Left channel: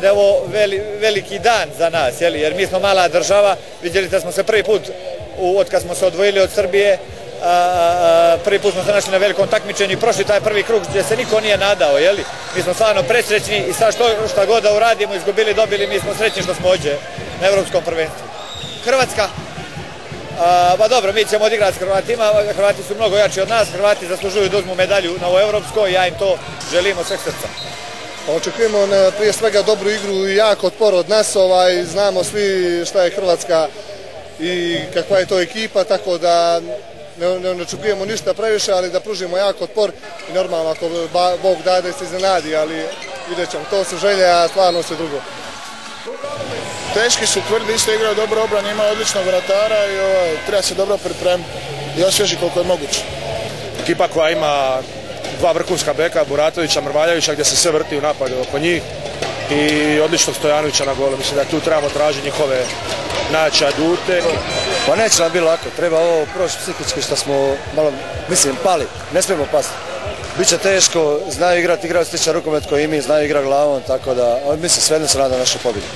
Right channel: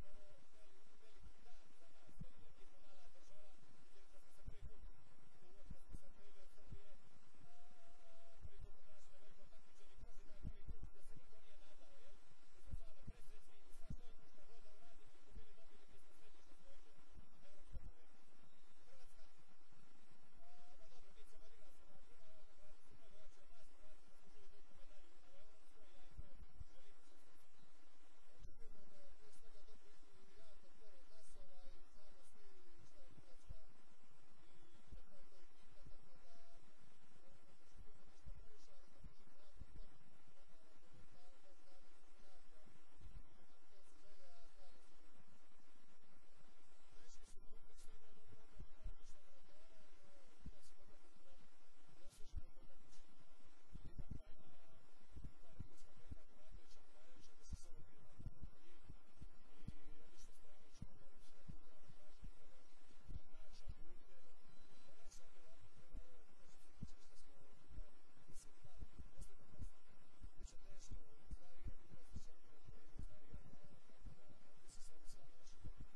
Da je ovo veliki dan za nas, jer mi smo mala država, vidjeli da smo se prvi put, od kad smo se odvojili od Srbije, prvi put smo se našli na velikom takmičenju i prošli taj prvi krug gdje se niko nije nadao, mi smo stvarno presrećni i sad šta god da uradimo, izgubili, dobili, mi smo srećni što smo ovdje na Evropskom prvenstvu. Hrvatska? Pa dobro, mi ćemo odigrati s Hrvatima, Hrvati su mnogo jači od nas, Hrvati zaslužuju da uzmu medalju na ovo Evropsko i ja im to želim od sveg srca. Očekujemo prije svega dobru igru i jak otpor od nas, znamo svi šta je Hrvatska i kakva je to ekipa, tako da ne očekujemo ništa previše, ali da pružimo jak otpor i normalno ako Bog dade se iznenadi, ali vidjet ćemo, to su želje, a stvarno sve drugo. Teški su, tvrdi, isto igraju dobro obranu, imaju odličnog vratara i treba se dobro pripremiti i osvježi koliko je moguće. Ekipa koja ima dva vrhunska beka, Buratovića, Mrvaljevića, gdje se sve vrti u napadu oko njih i odličnog Stojanovića na golu. Mislim da tu trebamo tražiti njihove najjače adute. Pa neće nam biti lako, treba ovo proći psihički što smo malo, pali, ne smijemo pasti. Biće teško, znaju igrati sličan rukomet koji i mi, znaju igrati glavom, tako da, svejedno se nada našu pobjedu.